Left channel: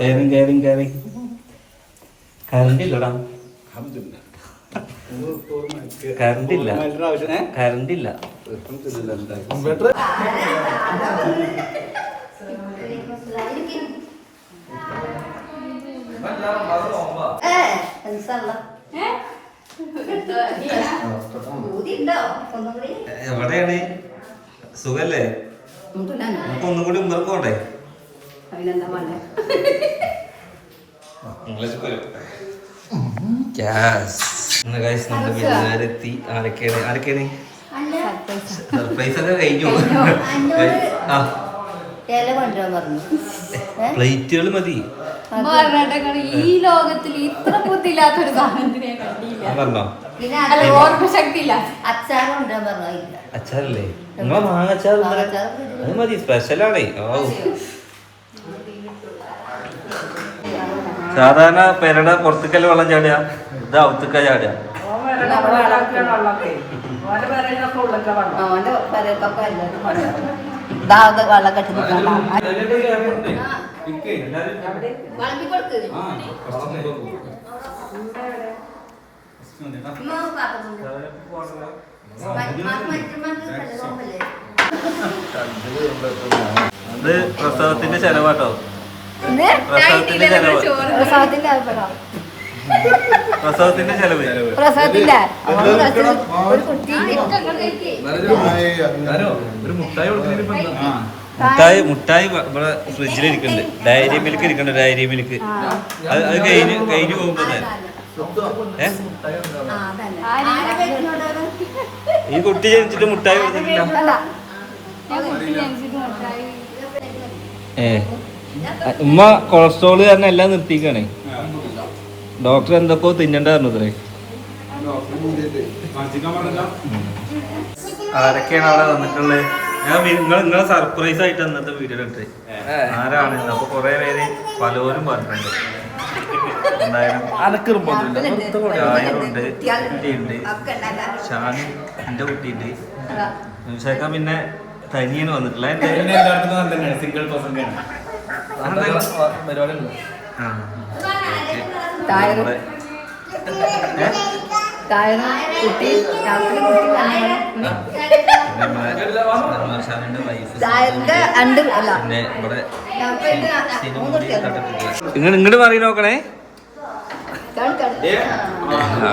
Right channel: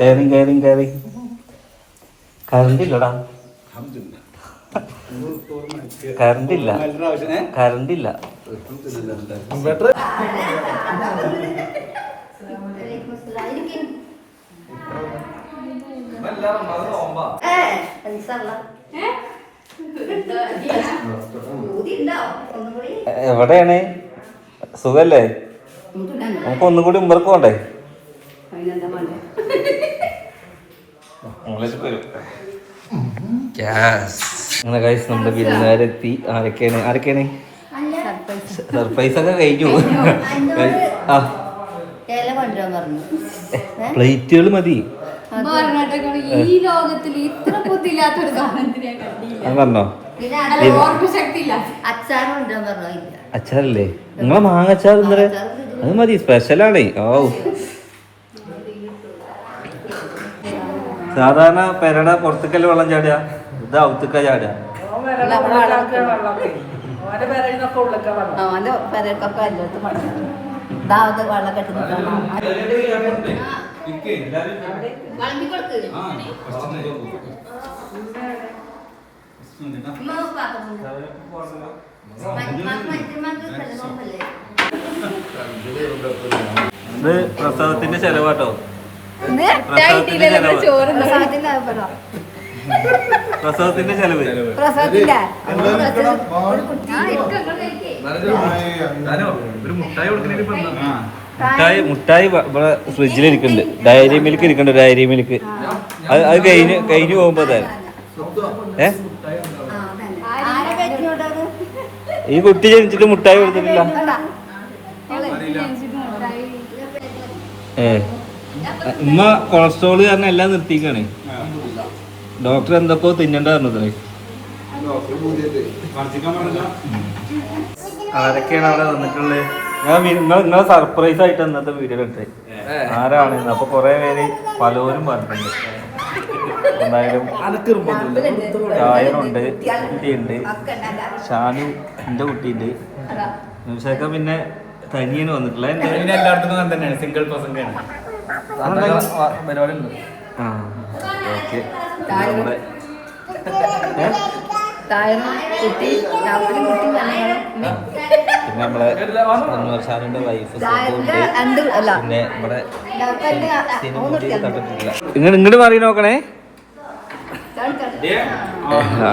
കയറി കയറി കയറി കരണ്ടില്ലടാ. കരണ്ടില്ല. കരണ്ടില്ല. എവിടെയാണ്? സുഖല്ലേ? നമുക്ക് ഒന്നും കൂടി ഉമ്മർക്ക് പോണ്ടേ? നമ്മുടെ guys, നമ്മുടെ വിരുന്നുകാരെത്തി. ആരൊക്കെയാണ്? ആരൊക്കെയാണ്? സർപ്രൈസ് ഒക്കെ കഴിഞ്ഞു പ്ലേറ്റുകൾ മതി. ഈ ലോകത്തിൽ ഇത്ര ബുദ്ധിയില്ലാത്തൊരു പറഞ്ഞോ? അച്ചാറല്ലേ? നിങ്ങളെ മാങ്ങച്ചാർ അത് മതി സ്പെഷ്യലാണേ ഓ സാധാരണ പെരട പുറത്തേക്കല്ലേ വെള്ളം ചാടുക? ഇത് ഔത്തുക്ക ചാടുക? ഇത് പ്രസവത്തിന്റെ ചെലവാട്ടോ. പ്രസവത്തിന്റെ ചെലവ്. പ്രസവത്തിന്റെ മുട്ടായി മുട്ടായി ഇവിടെ ഫ്രിഡ്ജിൽ ഇരിക്കുന്നുണ്ട് ഡയറി മിൽക്ക് ഇരിക്കുന്നുണ്ട് ഡയറി മിൽക്ക്. അത് അത് കഴിഞ്ഞ് കഴിഞ്ഞു പോകുമ്പോ ഏ? ഈ കുട്ടി ജനിച്ചിട്ട് മുട്ടായി കൊടുത്തിട്ടില്ല. ഏ. ഉമ്മ കൊളസ്ട്രോൾ കാരണം എല്ലാം നിർത്തിക്കാണ്. ഡോക്ടർ എന്തൊക്കെയോ തിന്നണ്ട പറഞ്ഞത്രേ ആരൊക്കെയാണ് അവിടെ വന്നിട്ടുള്ളത് ഞാൻ നിങ്ങൾ നിങ്ങളെ സർപ്രൈസ് ആയിട്ട് ഇന്നത്തെ വീഡിയോ ഇട്ടേ. ആരാണ്? അപ്പൊ കൊറേ പേര് പലവരും പറഞ്ഞിട്ടുണ്ട്. എന്തായാലും കുട്ടിയുണ്ട്. ഷാനു എന്റെ കുട്ടിയുണ്ട്. നിമിഷക്ക പിന്നെ തനിയന് വന്നിട്ടില്ല എന്റെ ആ ഓക്കെ. നമ്മുടെ ഏ? താഴെ കുട്ടി കുട്ടി ഇങ്ങോട്ട് ഇങ്ങോട്ട് മാറി നോക്കണേ. ആ.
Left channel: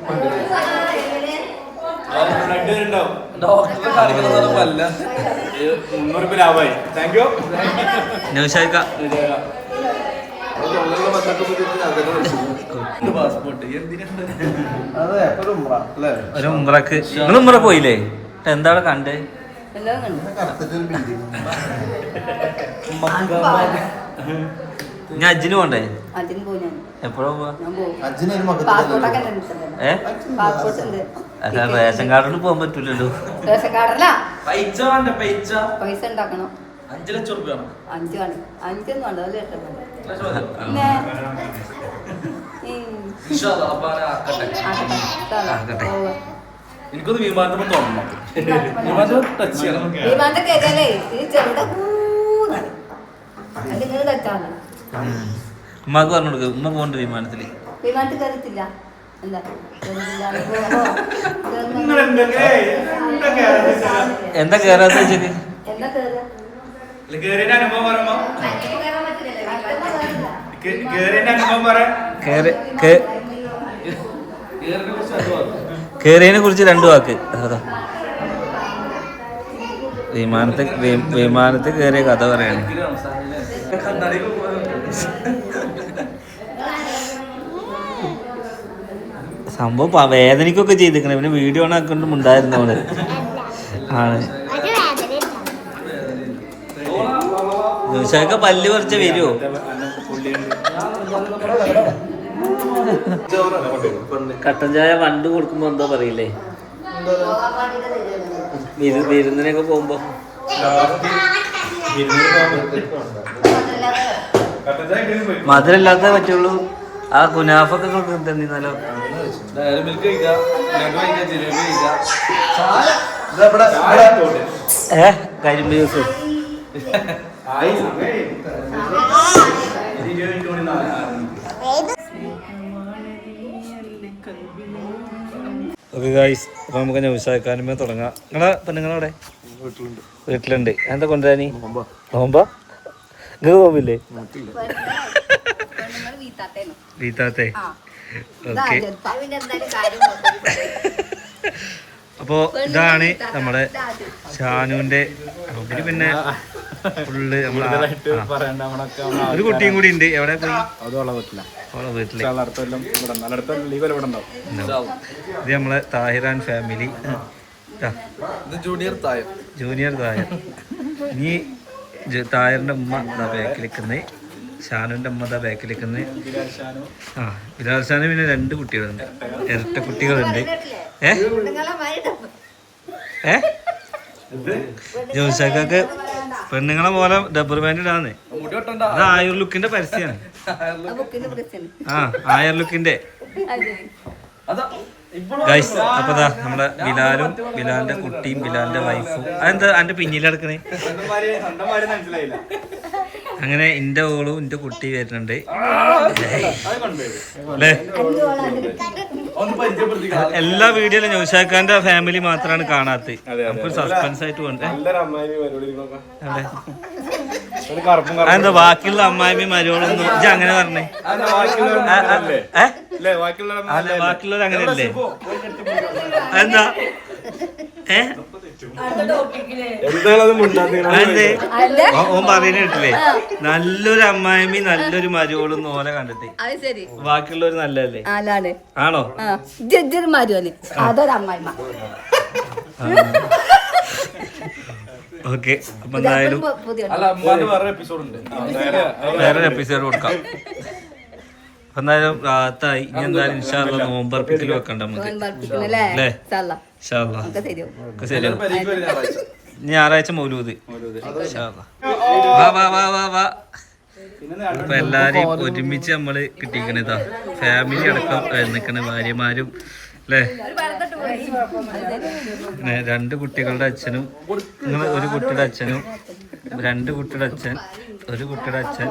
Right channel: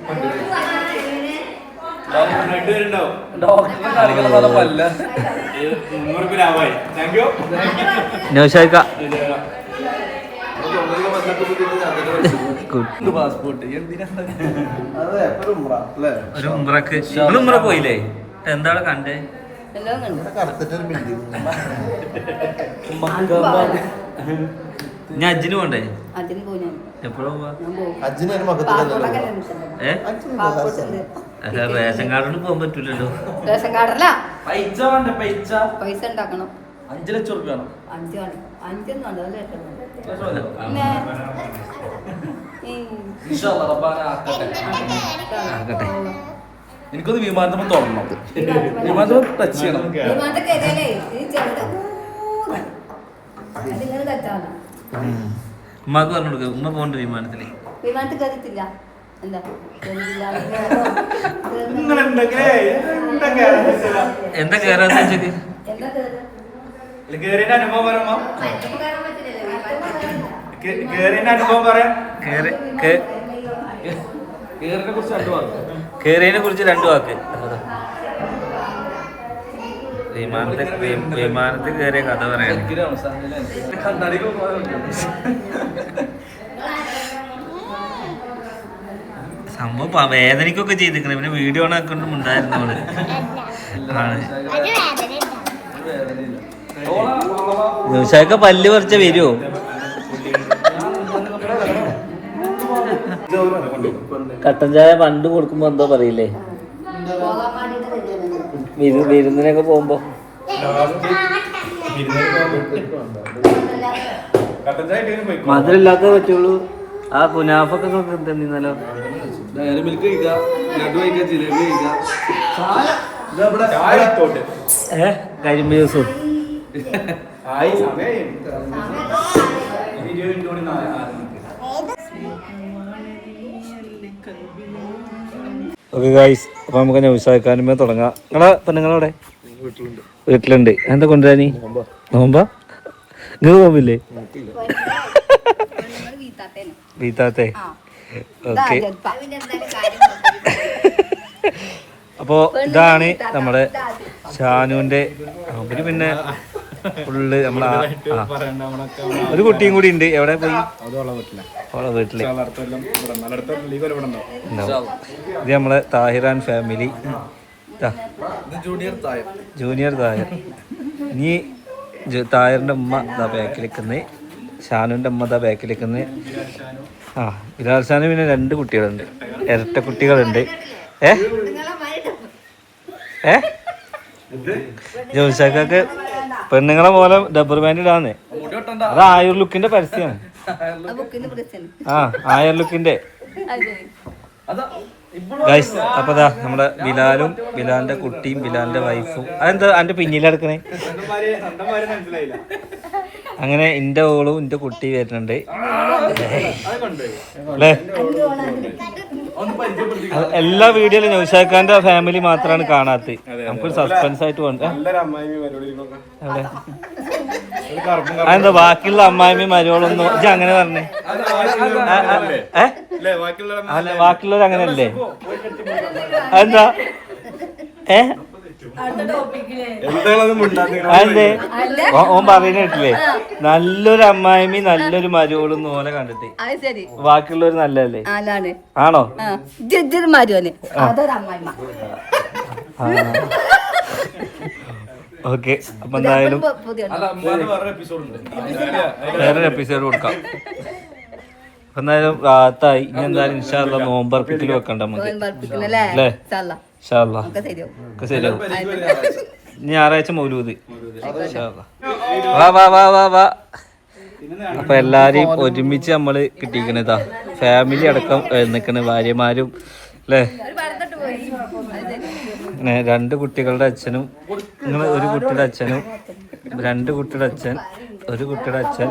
ഇപ്പൊ ഒരു ഉമ്രക്ക് നിങ്ങൾ ഉമ്ര പോയില്ലേ? എന്താണ് കണ്ടേ? എല്ലാം കണ്ടു. ഞാൻ അജ്ജിന് പോണ്ടേ അജിന് പോയി ഞാൻ. എപ്പോഴാ അല്ല റേഷൻ കാർഡിന് പോകാൻ പറ്റൂലല്ലോ. റേഷൻ കാർഡല്ല. പൈസ വേണ്ട പൈസ? പൈസ ഉണ്ടാക്കണം. അഞ്ചു ലക്ഷം റുപ്യ അഞ്ച് അഞ്ചൊന്നും വേണ്ട അത് കേട്ടോ ആക്കട്ടെ പിന്നെ ഉം. ആക്കട്ടെ. ആക്കട്ടെ. ഓ. എനിക്കൊന്ന് വിമാനത്തിൽ തുടങ്ങണം വിമാനത്തിൽ ടച്ച് ചെയ്യണം. വിമാനത്തെ കേട്ടാലേ ഇത് ചെറുതാ. അത് നിങ്ങൾ തെറ്റാണ് ഉമ്മാക്ക് പറഞ്ഞു കൊടുക്ക ഉമ്മ പോണ്ട് വിമാനത്തിൽ. വിമാനത്തിൽ കയറിത്തില്ല എന്താ കേറാത്ത കേറിയതിനെ കുറിച്ച് രണ്ടു വാക്ക്. വിമാനത്തിൽ വിമാനത്തിൽ കയറിയ കഥ പറയാണ് സംഭവം വേദനയ്ക്കൊക്കെ ചെയ്തിരിക്കണം. പിന്നെ വീഡിയോ ഓൺ ആക്കൊണ്ട് ഉണ്ടായിരുന്നു അവൾ. ആണ്. നിമിഷമൊക്കെ പല്ല് പറിച്ച വരുമോ കട്ടൻ ചായ പണ്ട് കൊടുക്കുമ്പോ എന്തോ പറയില്ലേ? വിരുന്നിനൊക്കെ പോകുമ്പോ. മധുരമില്ലാത്തേ പറ്റുള്ളൂ. ആ കുനാഫൊക്കെ തന്നിരുന്നല്ലോ കഴിക്കാം ഏ കരിമ്പ് ജ്യൂസ് ഓക്കെ ഗായ്സ് അപ്പൊ നമുക്ക് നൗസാക്കാനുമേ തുടങ്ങാം. നിങ്ങളെ പെണ്ണുങ്ങളവിടെ വീട്ടിലുണ്ട് വീട്ടിലുണ്ട്. എന്താ കൊണ്ടുവരാനി നോമ്പാ. നിങ്ങൾ നോമ്പില്ലേ? വീത്താത്തെ ഓക്കെ. അപ്പോ ഇതാണ് നമ്മുടെ ഷാനുവിന്റെ പിന്നെ ഫുള്ള് നമ്മളെ. ഒരു കുട്ടിയും കൂടി ഉണ്ട്. എവിടെ പോയി? വീട്ടില. ഇത് നമ്മളെ താഹിറാൻ family. Junior Tahir. Junior Thayar ഇനി തായറിന്റെ ഉമ്മ ഇതാ ബാക്കിലിരിക്കുന്നത് ഷാനുവിന്റെ ഉമ്മ ഇതാ ബാക്കിലിരിക്കുന്നത് ആ ബിലാൽ ഷാനു പിന്നെ രണ്ട് കുട്ടികളുണ്ട്. ഇരട്ട കുട്ടികളുണ്ട്. ഏ? ഏ? ജോഷാക്കൊക്കെ പെണ്ണുങ്ങളെ പോലെ ഡബർ പാന്റ് ഇടാന്നേ. മുടി വെട്ടണ്ട. അത് ആയുർ ലുക്കിന്റെ പരസ്യമാണ് ആ ആയുർ ലുക്കിന്റെ അതാ. ഗൈസ് അപ്പൊ ദാ നമ്മുടെ ബിലാലും ബിലാലിന്റെ കുട്ടിയും ബിലാലിന്റെ വൈഫും. അതെന്താ എന്റെ പിന്നിലെടുക്കണേ അങ്ങനെ എന്റെ ഓളും എന്റെ കുട്ടി വരുന്നുണ്ട്. അല്ലേ? എല്ലാ വീഡിയോയിലും നൗഷാഖാന്റെ ഫാമിലി മാത്രമാണ് കാണാത്ത നമുക്കൊരു സസ്പെൻസ് ആയിട്ട് വേണ്ടേ അതെന്താ ബാക്കിയുള്ള അമ്മായിമ്മയും മരുവളൊന്നും ഇജ്ജ് അങ്ങനെ പറഞ്ഞേ? അല്ലേ ബാക്കിയുള്ള അല്ല ബാക്കിയുള്ളവർ അങ്ങനെയല്ലേ? അതെന്താ? ഏ? ഓൻ പറയുന്ന കേട്ടില്ലേ? നല്ലൊരു അമ്മായി നല്ലൊരു മരുവളും ഓലെ കണ്ടിട്ട്. ബാക്കിയുള്ളവര് നല്ലല്ലേ ആണോ? അതൊരു ഓക്കെ അപ്പൊ എന്തായാലും വേറൊരു എപ്പിസോഡ് കൊടുക്കാം. അപ്പൊ എന്തായാലും റാത്തായി ഇനി എന്തായാലും ഇൻഷാല്ല നോമ്പർപ്പിക്കൽ വെക്കണ്ട നമുക്ക്. അല്ലേ? ഞായറാഴ്ച മൗലൂദ്. വാ വാ വാ വാ വാ. അപ്പൊ എല്ലാരും ഒരുമിച്ച് നമ്മൾ കിട്ടിക്കണതാ ഫാമിലി അടക്കം നിൽക്കുന്ന ഭാര്യമാരും അല്ലേ പിന്നെ രണ്ട് കുട്ടികളുടെ അച്ഛനും നിങ്ങൾ ഒരു കുട്ടിയുടെ അച്ഛനും രണ്ട് കുട്ടിയുടെ അച്ഛൻ ഒരു കുട്ടിയുടെ അച്ഛൻ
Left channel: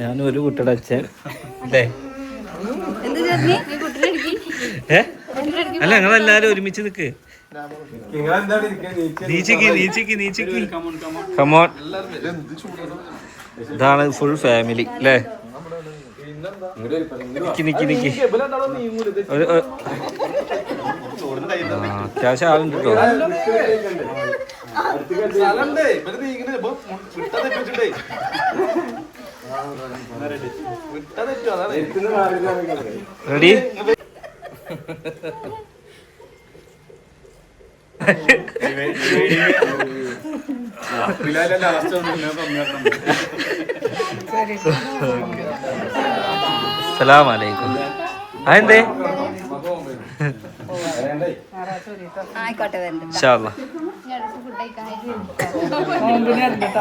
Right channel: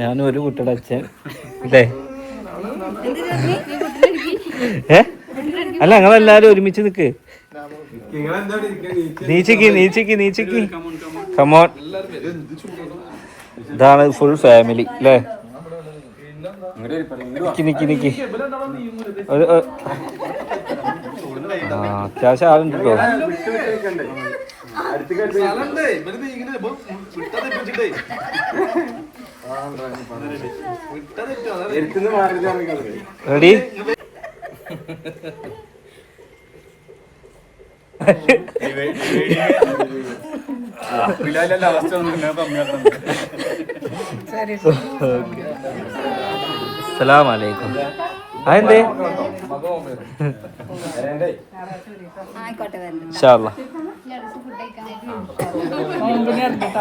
ഞാനും ഒരു കുട്ടിയുടെ അച്ഛൻ അല്ലേ എന്ത് അല്ല ഞങ്ങളെല്ലാരും ഒരുമിച്ച് നിക്ക്. നീച്ചക്ക് നീച്ചക്ക് നീച്ചക്ക്. കമോൺ ഇതാണ് ഫുൾ ഫാമിലി അല്ലേ നിക്ക് നിക്ക് ഒരു- അത്യാവശ്യം ആളുണ്ട് കേട്ടോ സ്ഥലണ്ടേ സലാം അലൈക്കും അതെന്തേ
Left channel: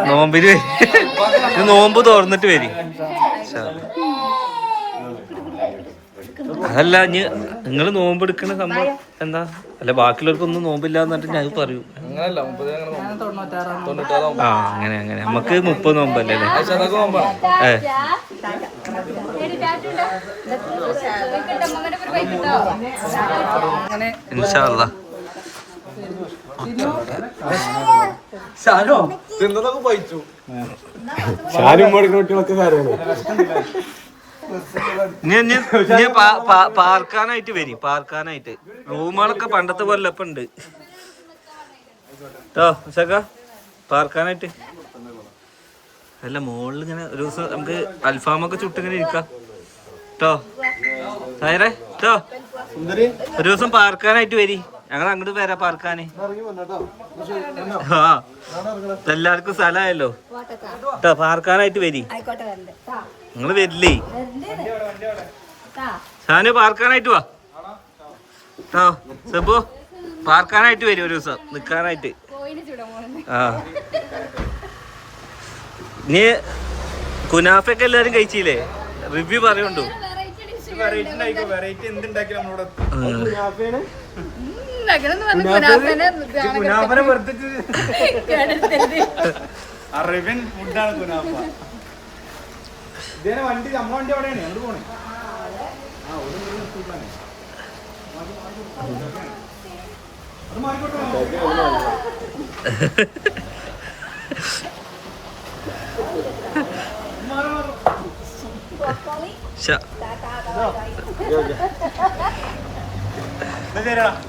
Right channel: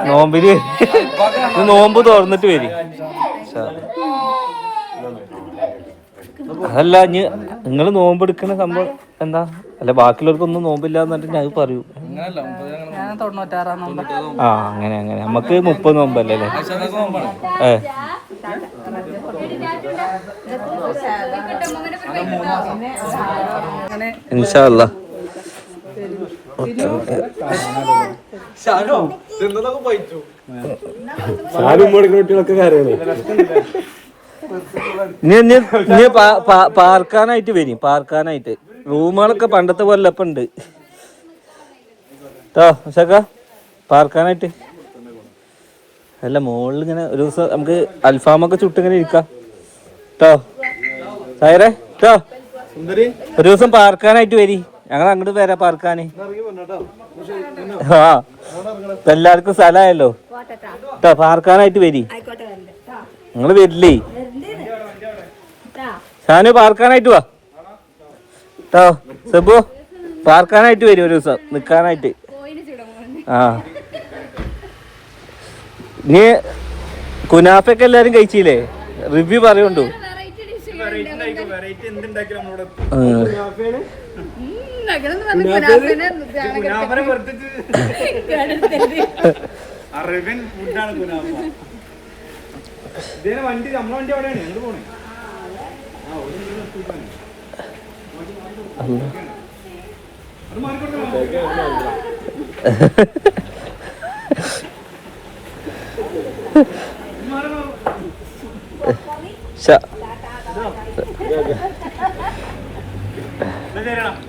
നോമ്പിന് നോമ്പ് തുറന്നിട്ട് വരും. അതല്ല ഇനി നിങ്ങൾ നോമ്പെടുക്കുന്ന സംഭവം എന്താ? അല്ല ബാക്കിയുള്ളവർക്കൊന്നും നോമ്പില്ല എന്നിട്ട് ഞാൻ പറയൂ. ആ അങ്ങനെ അങ്ങനെ. നമുക്ക് മുപ്പത് നോമ്പല്ലേ ഏ. ഇൻഷാല്ല ഷാനും കുട്ടികളൊക്കെ കാര്യമാണ് ഇനി ഇനി പാർക്കാനായിട്ട് വരും പാർക്കാനായിട്ട്. റൂമുകളൊക്കെ പണ്ടത്തെ പോലെ ഇപ്പൊ ഉണ്ട്. കേട്ടോ പാർക്കാനായിട്ട്. അല്ല മോളിൽ ഇങ്ങനെ ഒരു ദിവസം നമുക്ക് അൽഫാമൊക്കെ ചുട്ടിങ്ങനെ ഇരിക്കാം. കേട്ടോ സായറേ കേട്ടോ സുന്ദരി. ഒരു ദിവസം പാർക്കാനായിട്ട് വരി. ഞങ്ങൾ അങ്ങോട്ട് വരാം പാർക്കാന്. ആ എല്ലാവർക്കും സ്ഥലമായല്ലോ. ട്ടാ പാർക്കാനായിട്ട് വരി. നിങ്ങൾ വരില്ലേ? ഷാനു പാർക്കാനായിട്ട് വാ. ട്ടോ സെബു പാർക്കാനായിട്ട് വരും ഒരു ദിവസം. നിക്കാനായിട്ട്. ആ. നീ കുനാഫൊക്കെ എല്ലാരും കഴിച്ചില്ലേ? റിവ്യൂ പറയുണ്ടോ? അറേബ്യൻ ഫുഡാണ് കുനാഫ ഇതേ വണ്ടി നമ്മളെ വണ്ടി എവിടെയാണ്? ഞങ്ങൾ പോണേ?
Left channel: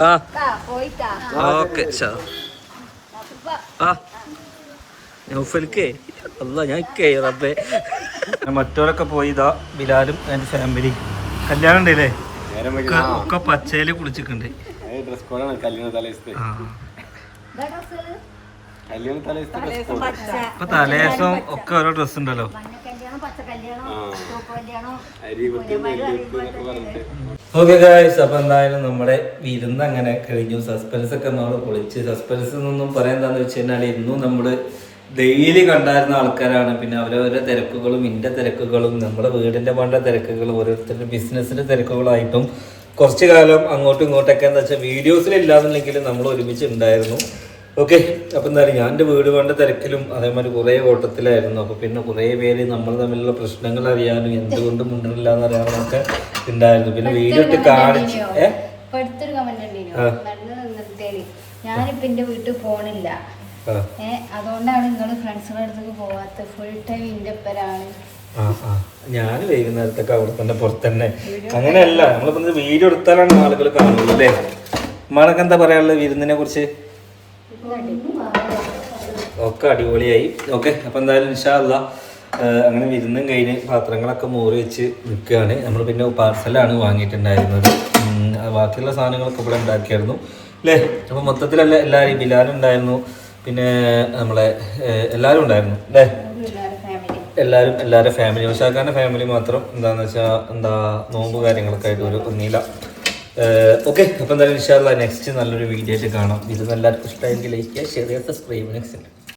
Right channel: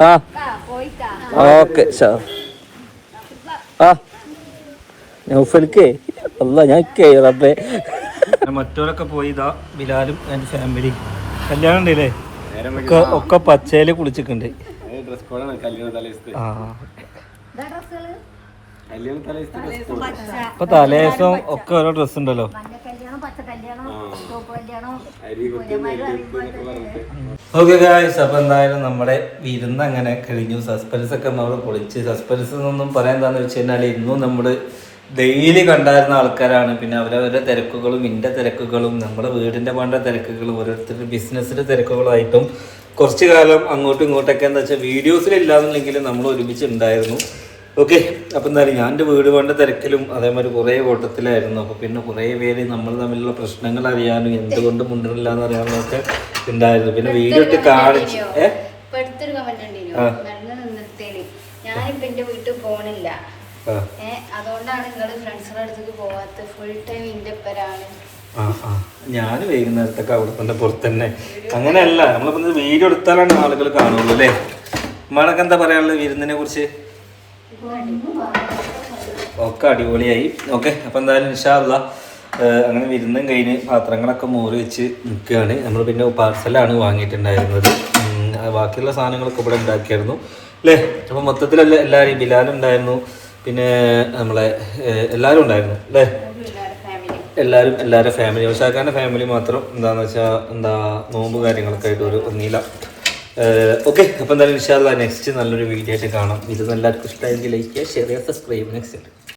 ആ ആ. ഓക്കെ ആ. നൗഫൽക്കേ അല്ല ഞാൻ റബ്ബേ. മറ്റവരൊക്കെ പോയി ഇതാ ബിലാലും എന്റെ ഫാമിലി. കല്യാണം ഉണ്ടല്ലേ? ഒക്കെ ഒക്കെ പച്ചയിൽ കുളിച്ചിട്ടുണ്ട്. ഡ്രസ് കോഡാണ് കല്യാണ തലേസത്തെ ആ. കല്യാണ തലേസത്തെ ഡ്രസ് കോഡ് പച്ച. ഇപ്പൊ ഒക്കെ ഓരോ ഡ്രസ് ഉണ്ടല്ലോ. ഓക്കെ ഗായ്സ് അപ്പൊ എന്തായാലും നമ്മുടെ വിരുന്ന് അങ്ങനെ കഴിഞ്ഞു. സസ്പെൻസ് ഒക്കെ നമ്മൾ പൊളിച്ച്. സസ്പെൻസ് എന്നൊന്നും പറയാൻ എന്താന്ന് വെച്ച് കഴിഞ്ഞാൽ ഇന്നും നമ്മൾ ഡെയിലി കണ്ടായിരുന്ന ആൾക്കാരാണ്. പിന്നെ അവരവരുടെ തിരക്കുകളും എന്റെ തിരക്കുകളും നമ്മുടെ വീടിന്റെ പണ്ട തിരക്കുകളും ഓരോരുത്തരുടെ ബിസിനസ്സിന്റെ തിരക്കുകളായിട്ടും കുറച്ച് കാലം അങ്ങോട്ടും ഇങ്ങോട്ടൊക്കെ എന്താ വെച്ചാൽ വീഡിയോസിൽ ഇല്ലാന്നുണ്ടെങ്കിലും നമ്മൾ ഒരുമിച്ച് ഉണ്ടായിരുന്നു. ഓക്കെ അപ്പം എന്തായാലും ഞാൻ എന്റെ വീട് പണ്ട തിരക്കിലും അതേമാതിരി കുറേ ഓട്ടത്തിലായിരുന്നു. അപ്പോൾ പിന്നെ കുറേ പേര് നമ്മൾ തമ്മിലുള്ള പ്രശ്നങ്ങൾ അറിയാനും എന്തുകൊണ്ട് മുണ്ടില്ല എന്ന് അറിയാനും ഒക്കെ ഉണ്ടായിരുന്നു. പിന്നെ വീഡിയോ ഇട്ട് കാണിച്ച് ഏഹ് ഞാനിപ്പോ എന്റെ വീട്ടിൽ പോണില്ല. അതുകൊണ്ടാണ് നിങ്ങൾ ഫ്രണ്ട്സുകളുടെ അടുത്തേക്ക് പോവാത്ത. ഫുൾ ടൈം ഇന്റെ പേരാണ് ഞാൻ വൈകുന്നേരത്തൊക്കെ അവിടെ തന്നെ പുറത്ത് തന്നെ അങ്ങനെയല്ല നമ്മളിപ്പോ വീട് വീഡിയോ എടുത്താലാണ് ആളുകൾ കാണുള്ളൂ അല്ലേ? നമ്മളൊക്കെ എന്താ പറയാനുള്ളത് വിരുന്നിനെ കുറിച്ച്? ഒക്കെ അടിപൊളിയായി. ഓക്കെ അപ്പൊ എന്തായാലും ഇൻഷാല്ല അങ്ങനെ വിരുന്നും കഴിഞ്ഞ് പാത്രങ്ങളൊക്കെ മോറി വെച്ച് നിൽക്കുകയാണ്. നമ്മൾ പിന്നെ പാർസലാണ് വാങ്ങിയിട്ടുണ്ടായിരുന്നത്. ബാക്കിയുള്ള സാധനങ്ങളൊക്കെ ഇവിടെ ഉണ്ടാക്കിയായിരുന്നു. അല്ലേ? അപ്പം മൊത്തത്തിലല്ല എല്ലാവരും ബിലാലും ഉണ്ടായിരുന്നു പിന്നെ നമ്മളെ എല്ലാവരും ഉണ്ടായിരുന്നു അല്ലേ? എല്ലാവരും എല്ലാവരുടെ ഫാമിലി ഉഷാക്കാരന്റെ ഫാമിലി മാത്രം എന്താന്ന് വെച്ചാൽ എന്താ നോമ്പ് കാര്യങ്ങളൊക്കെ ആയിട്ട് ഒരു ഒന്നില്ല ഓക്കെ അപ്പം എന്തായാലും ഇൻഷാല്ല നെക്സ്റ്റ് നല്ലൊരു വീഡിയോ ആയിട്ട് കാണാം. ഇത് എല്ലാവർക്കും ഇഷ്ടമായെങ്കിൽ ലൈക്ക് ചെയ്യുക ഷെയർ ചെയ്യുക സബ്സ്ക്രൈബ് നെക്സ്റ്റ്